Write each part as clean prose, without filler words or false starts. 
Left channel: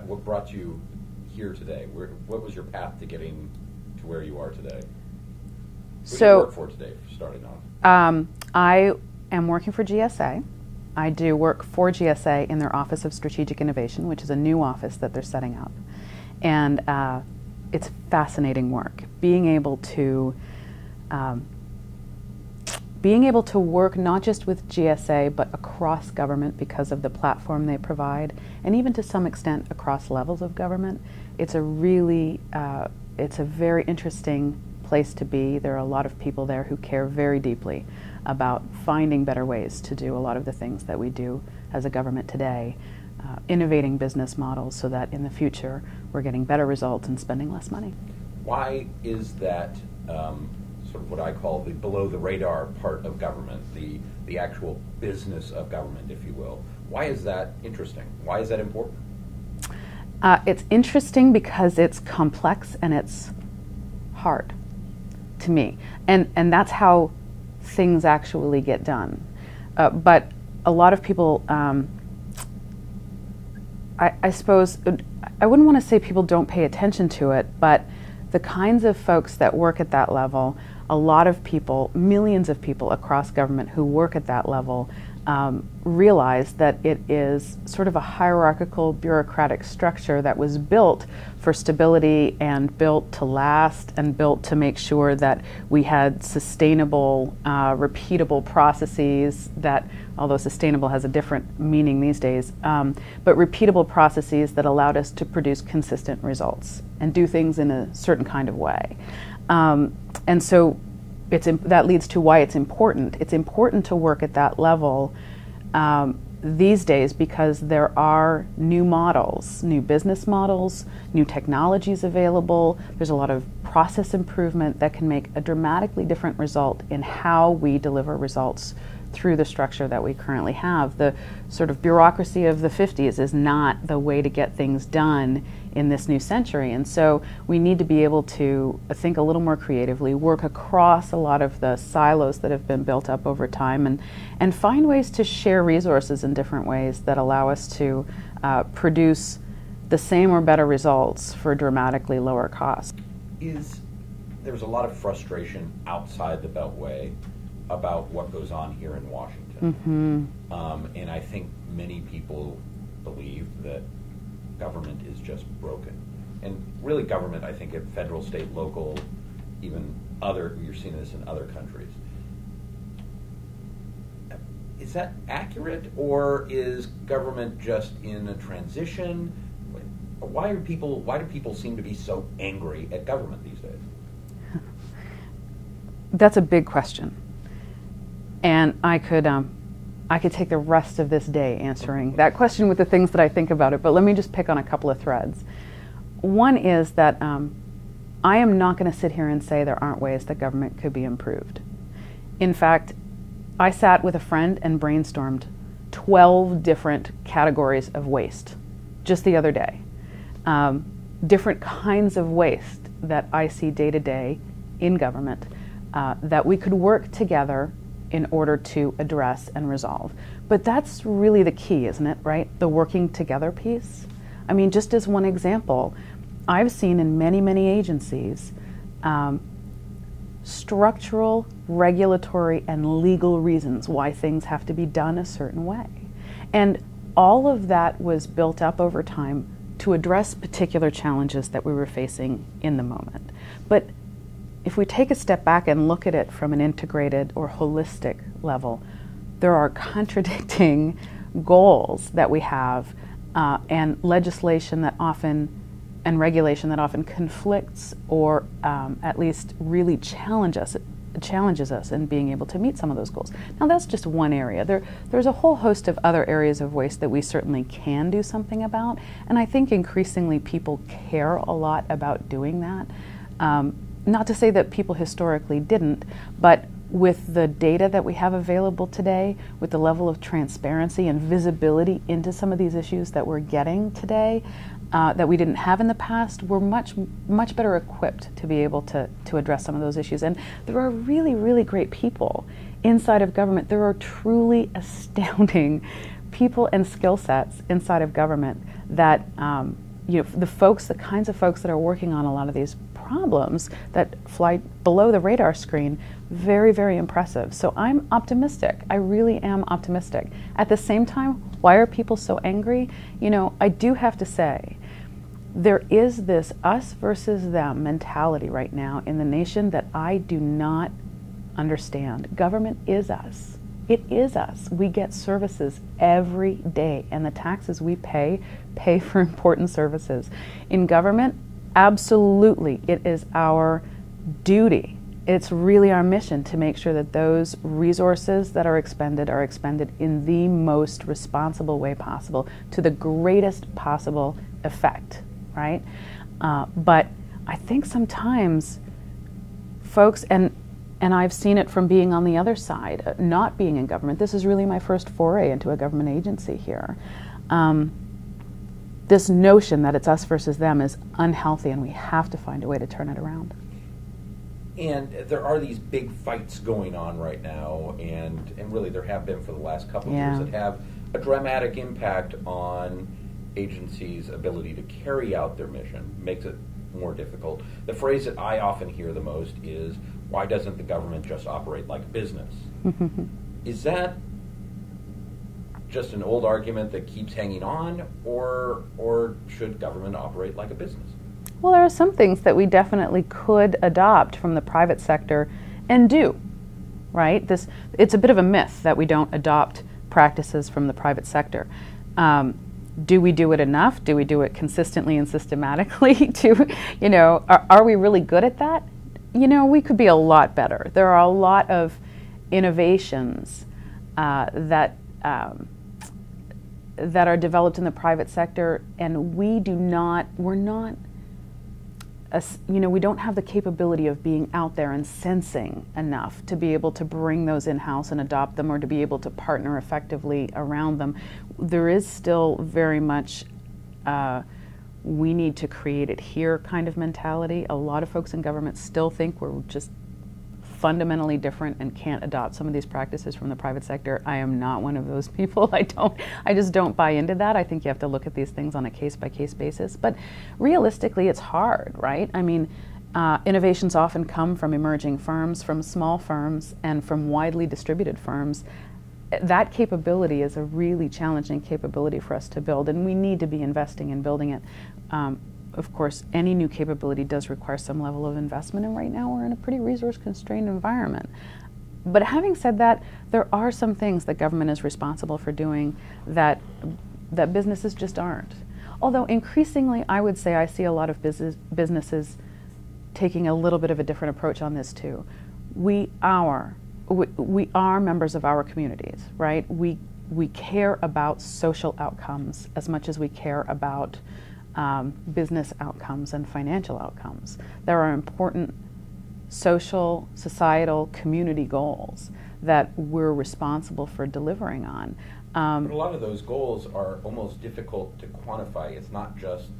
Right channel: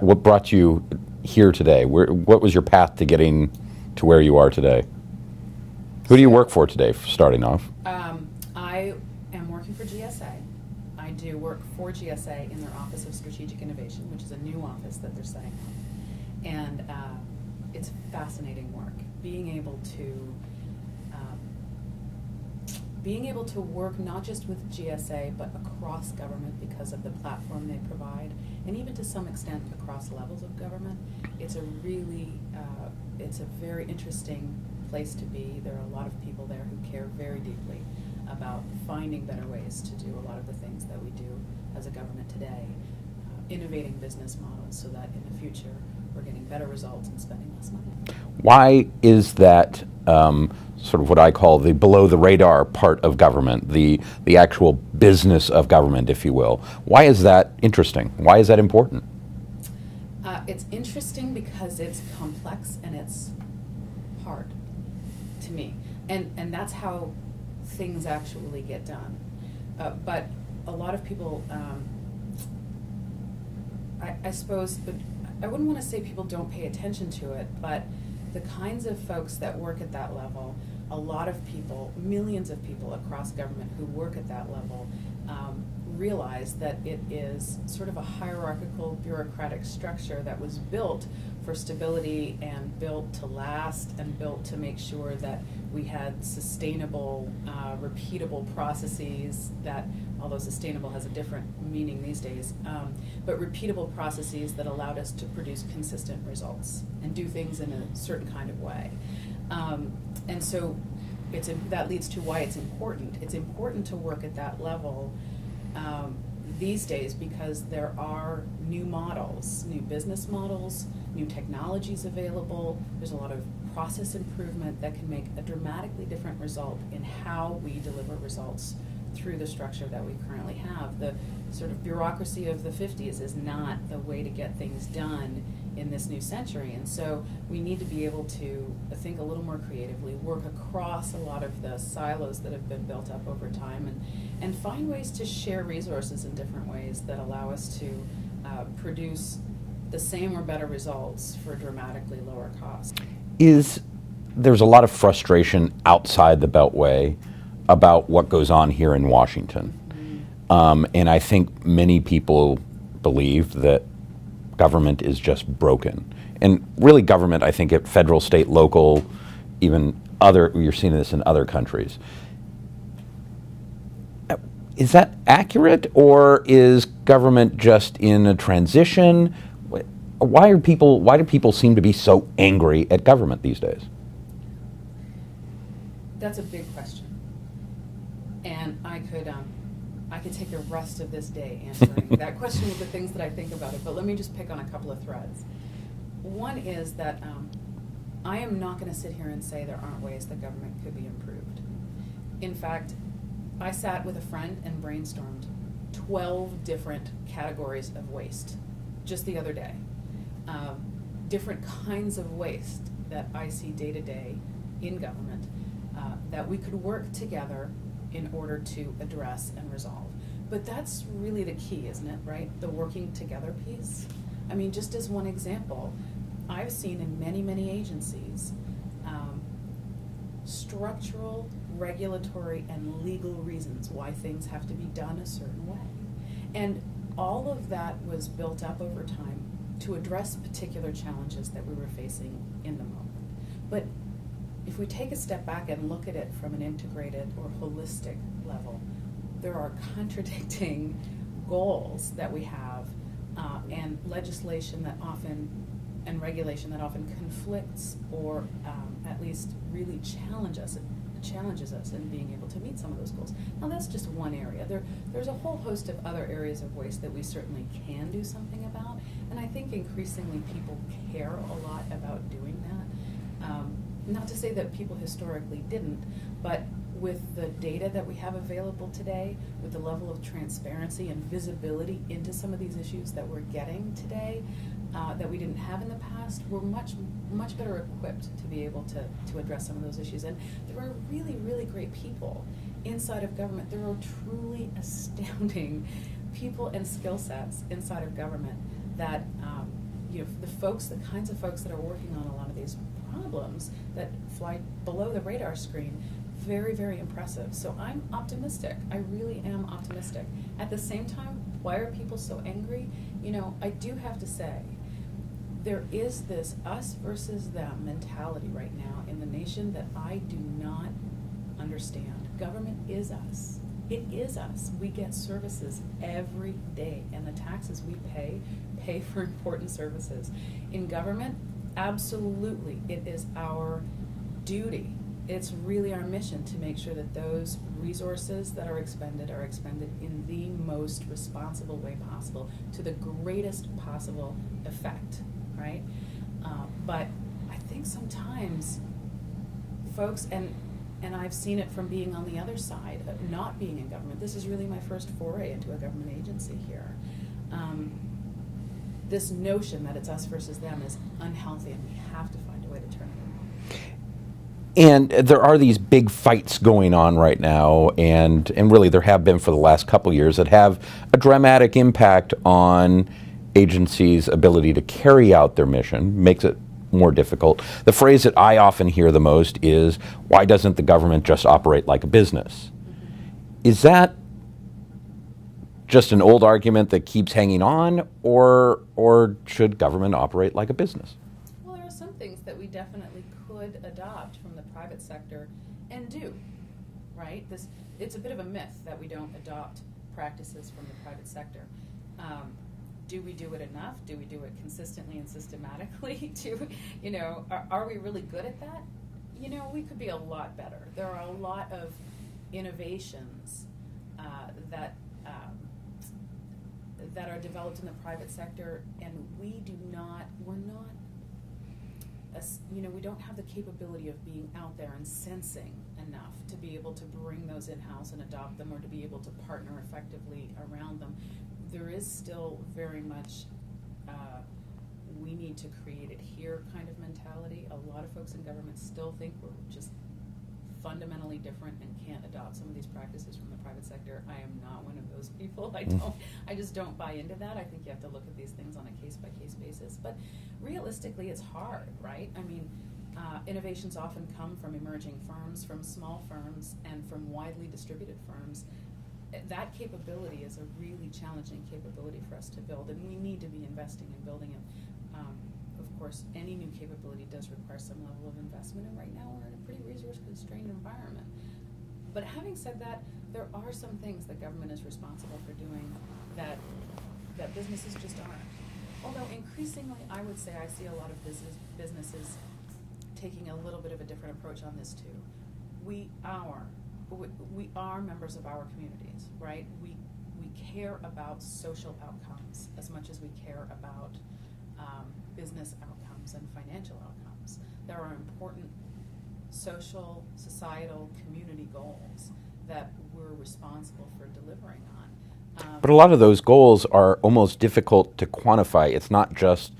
What brought you here today? What was your path to getting to where you are today? Who do you work for today, starting off? I am working for GSA. I do work for GSA in their Office of Strategic Innovation, which is a new office that they're setting up. And it's fascinating work. Being able to work not just with GSA, but across government because of the platform they provide, and even to some extent across levels of government. It's a really, it's a very interesting place to be. There are a lot of people there who care very deeply about finding better ways to do a lot of the things that we do as a government today, innovating business models so that in the future we're getting better results and spending less money. Why is that sort of what I call the below the radar part of government, the actual business of government, if you will? Why is that interesting? Why is that important? It's interesting because it's complex and it's hard to me, and that's how things actually get done. But a lot of people, I suppose, I wouldn't want to say people don't pay attention to it, but the kinds of folks that work at that level, a lot of people, millions of people across government who work at that level, realize that it is sort of a hierarchical bureaucratic structure that was built for stability and built to last and built to make sure that we had sustainable, repeatable processes that, although sustainable has a different meaning these days, but repeatable processes that allowed us to produce consistent results and do things in a certain kind of way. And so that leads to why it's important. It's important to work at that level these days because there are new models, new business models, new technologies available. There's a lot of process improvement that can make a dramatically different result in how we deliver results through the structure that we currently have. The sort of bureaucracy of the 50s is not the way to get things done in this new century. And so we need to be able to think a little more creatively, work across a lot of the silos that have been built up over time, and find ways to share resources in different ways that allow us to produce the same or better results for dramatically lower costs. There's a lot of frustration outside the Beltway about what goes on here in Washington. Mm-hmm. And I think many people believe that government is just broken. And really government, I think at federal, state, local, even other, you're seeing this in other countries. Is that accurate, or is government just in a transition? Why do people seem to be so angry at government these days? That's a big question. And I could take the rest of this day answering that question with the things that I think about it, but let me just pick on a couple of threads. One is that I am not going to sit here and say there aren't ways that government could be improved. In fact, I sat with a friend and brainstormed 12 different categories of waste just the other day. Different kinds of waste that I see day to day in government that we could work together in order to address and resolve. But that's really the key, isn't it, right? The working together piece. I mean, just as one example, I've seen in many, many agencies structural, regulatory, and legal reasons why things have to be done a certain way. And all of that was built up over time to address particular challenges that we were facing in the moment. But if we take a step back and look at it from an integrated or holistic level, there are contradicting goals that we have and legislation that often, and regulation that often conflicts or at least really challenges us in being able to meet some of those goals. Now that's just one area. There's a whole host of other areas of waste that we certainly can do something about, and I think increasingly people care a lot about doing that. Not to say that people historically didn't, but with the data that we have available today, with the level of transparency and visibility into some of these issues that we're getting today, that we didn't have in the past, we're much better equipped to be able to address some of those issues. And there are really, really great people inside of government. There are truly astounding people and skill sets inside of government that the kinds of folks that are working on a lot of these problems that fly below the radar screen, very, very impressive. So I'm optimistic. I really am optimistic. At the same time, why are people so angry? I do have to say, there is this us versus them mentality right now in the nation that I do not understand. Government is us. It is us. We get services every day, and the taxes we pay for important services. In government, absolutely, it is our duty. It's really our mission to make sure that those resources that are expended in the most responsible way possible, to the greatest possible effect, right? But I think sometimes folks, and I've seen it from being on the other side, not being in government. This is really my first foray into a government agency here. This notion that it's us versus them is unhealthy, and we have to find a way to turn it around. And there are these big fights going on right now, and really there have been for the last couple years, that have a dramatic impact on agencies' ability to carry out their mission, makes it more difficult. The phrase that I often hear the most is, why doesn't the government just operate like a business? Is that just an old argument that keeps hanging on, or should government operate like a business? Well, there are some things that we definitely could adopt from the private sector and do, right? It's a bit of a myth that we don't adopt practices from the private sector. Do we do it enough? Do we do it consistently and systematically? Are we really good at that? We could be a lot better. There are a lot of innovations that are developed in the private sector, and we don't have the capability of being out there and sensing enough to be able to bring those in-house and adopt them, or to be able to partner effectively around them. There is still very much we need to create it here kind of mentality. A lot of folks in government still think we're just fundamentally different and can't adopt some of these practices from the private sector. I am not one of those people. I just don't buy into that. I think you have to look at these things on a case-by-case basis. But realistically, it's hard, right? I mean, innovations often come from emerging firms, from small firms, and from widely distributed firms. That capability is a really challenging capability for us to build, and we need to be investing in building it. Of course, any new capability does require some level of investment, and right now we're in a pretty resource-constrained environment. But having said that, there are some things that government is responsible for doing that businesses just aren't. Although increasingly, I would say I see a lot of businesses taking a little bit of a different approach on this too. We are members of our communities, right? We care about social outcomes as much as we care about business outcomes and financial outcomes. There are important social, societal, community goals that we're responsible for delivering on. But a lot of those goals are almost difficult to quantify. It's not just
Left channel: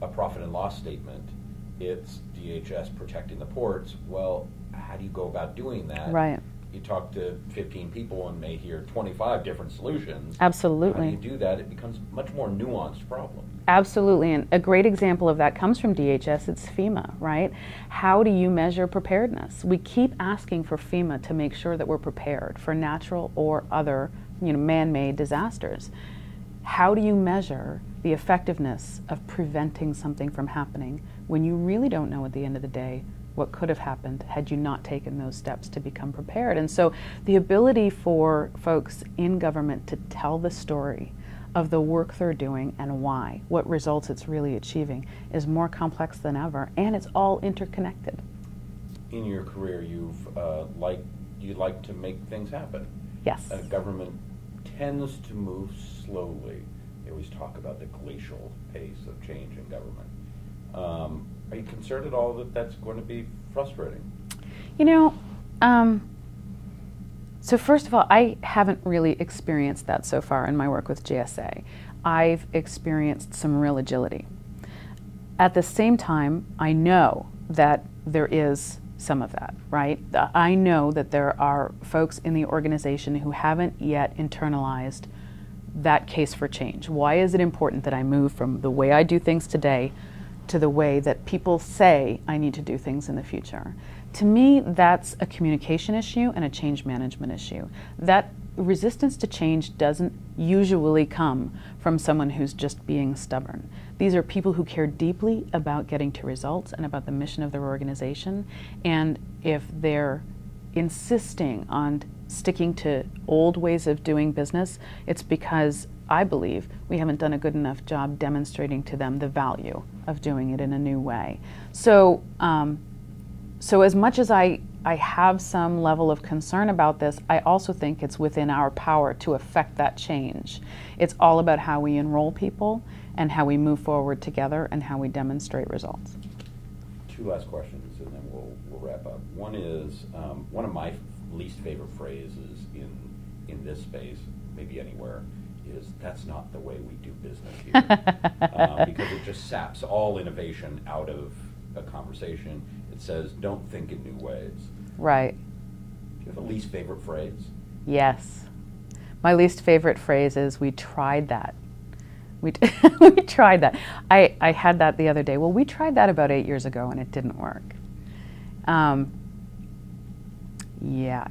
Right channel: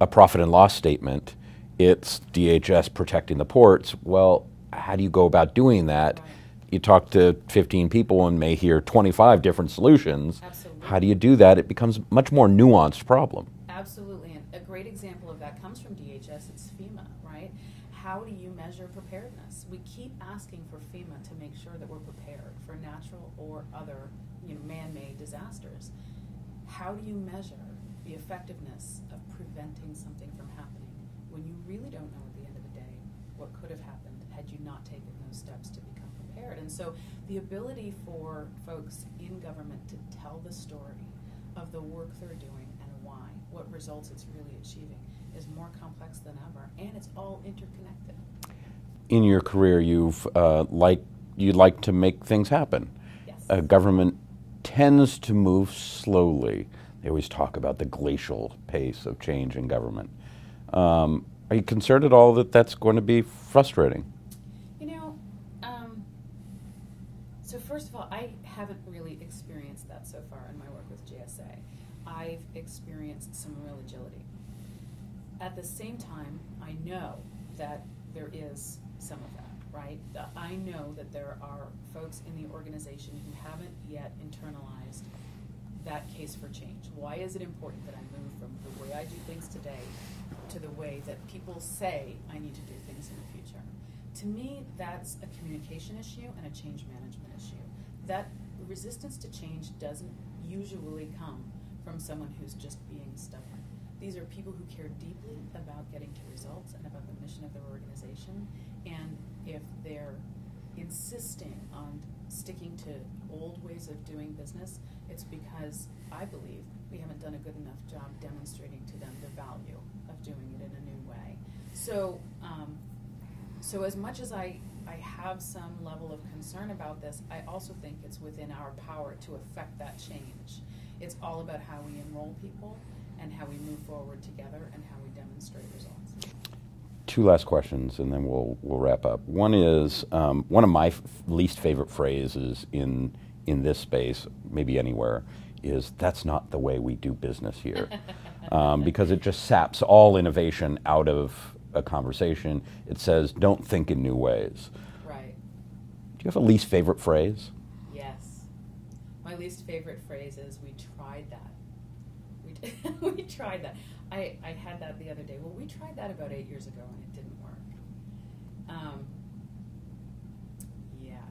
a profit and loss statement. It's DHS protecting the ports. Well, how do you go about doing that? Right. You talk to 15 people and may hear 25 different solutions. Absolutely. How do you do that? It becomes a much more nuanced problem. Absolutely, and a great example of that comes from DHS. It's FEMA, right? How do you measure preparedness? We keep asking for FEMA to make sure that we're prepared for natural or other, man-made disasters. How do you measure the effectiveness of preventing something from happening when you really don't know at the end of the day what could have happened had you not taken those steps to become prepared? And so the ability for folks in government to tell the story of the work they're doing and why, what results it's really achieving, is more complex than ever, and it's all interconnected. In your career, you like to make things happen. Yes. Government tends to move slowly. They always talk about the glacial pace of change in government. Are you concerned at all that that's going to be frustrating? So first of all, I haven't really experienced that so far in my work with GSA. I've experienced some real agility. At the same time, I know that there is some of that, right? I know that there are folks in the organization who haven't yet internalized that case for change? Why is it important that I move from the way I do things today to the way that people say I need to do things in the future? To me, that's a communication issue and a change management issue. That resistance to change doesn't usually come from someone who's just being stubborn. These are people who care deeply about getting to results and about the mission of their organization. And if they're insisting on sticking to old ways of doing business, it's because I believe we haven't done a good enough job demonstrating to them the value of doing it in a new way. So, so as much as I have some level of concern about this, I also think it's within our power to affect that change. It's all about how we enroll people and how we move forward together and how we demonstrate results. Two last questions, and then we'll wrap up. One is one of my least favorite phrases in this space, maybe anywhere, is "that's not the way we do business here," because it just saps all innovation out of a conversation. It says, "Don't think in new ways." Right. Do you have a least favorite phrase? Yes. My least favorite phrase is "we tried that." We tried that. I had that the other day. Well, we tried that about 8 years ago and it didn't work. Yeah,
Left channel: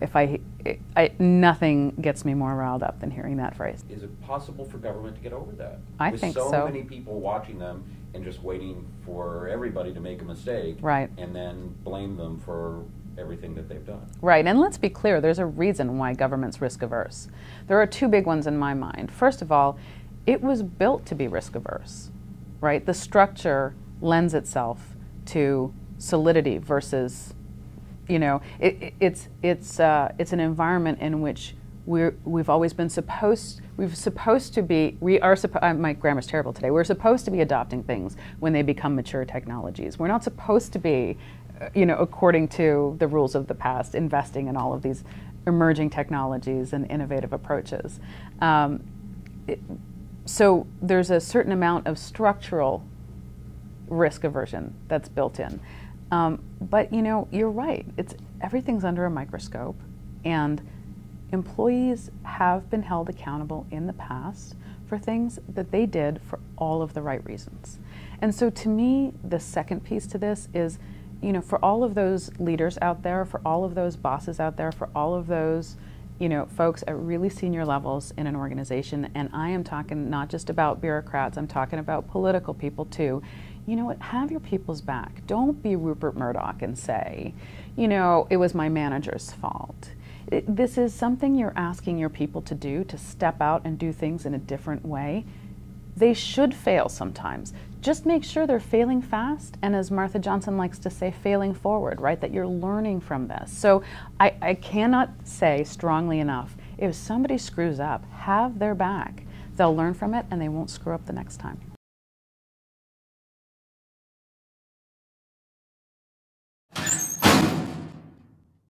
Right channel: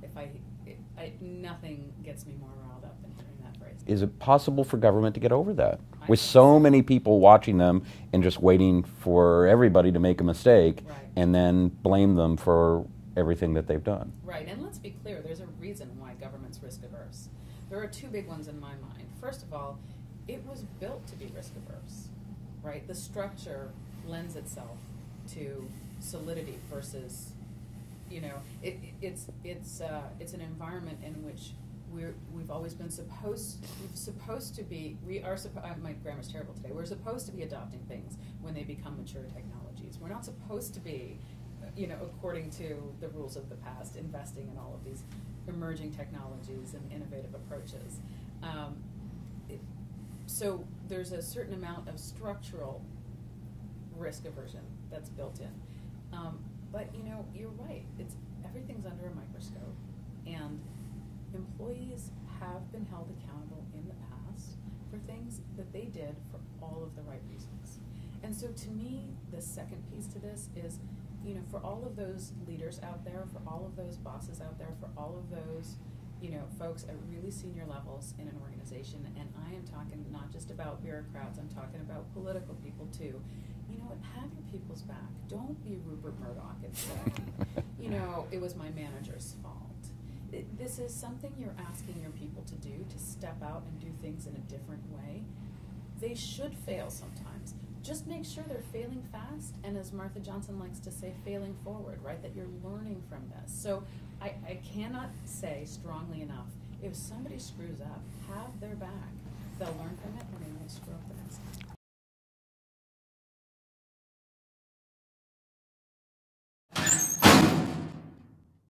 nothing gets me more riled up than hearing that phrase. Is it possible for government to get over that? I With think so so. many people watching them and just waiting for everybody to make a mistake, Right. and then blame them for everything that they've done. Right, and let's be clear, there's a reason why government's risk averse. There are two big ones in my mind. First of all, it was built to be risk averse, right? The structure lends itself to solidity versus, you know, it's an environment in which we've always been supposed to be, my grammar's terrible today, we're supposed to be adopting things when they become mature technologies. We're not supposed to be, you know, according to the rules of the past, investing in all of these emerging technologies and innovative approaches. So there's a certain amount of structural risk aversion that's built in. But you know, you're right, everything's under a microscope, and employees have been held accountable in the past for things that they did for all of the right reasons. And so to me, the second piece to this is, you know, for all of those leaders out there, for all of those bosses out there, for all of those, you know, folks at really senior levels in an organization, and I am talking not just about bureaucrats, I'm talking about political people too. You know what, have your people's back. Don't be Rupert Murdoch and say, you know, it was my manager's fault. This is something you're asking your people to do, to step out and do things in a different way. They should fail sometimes. Just make sure they're failing fast, and as Martha Johnson likes to say, failing forward, right? That you're learning from this. So I cannot say strongly enough, if somebody screws up, have their back. They'll learn from it and they won't screw up the next time.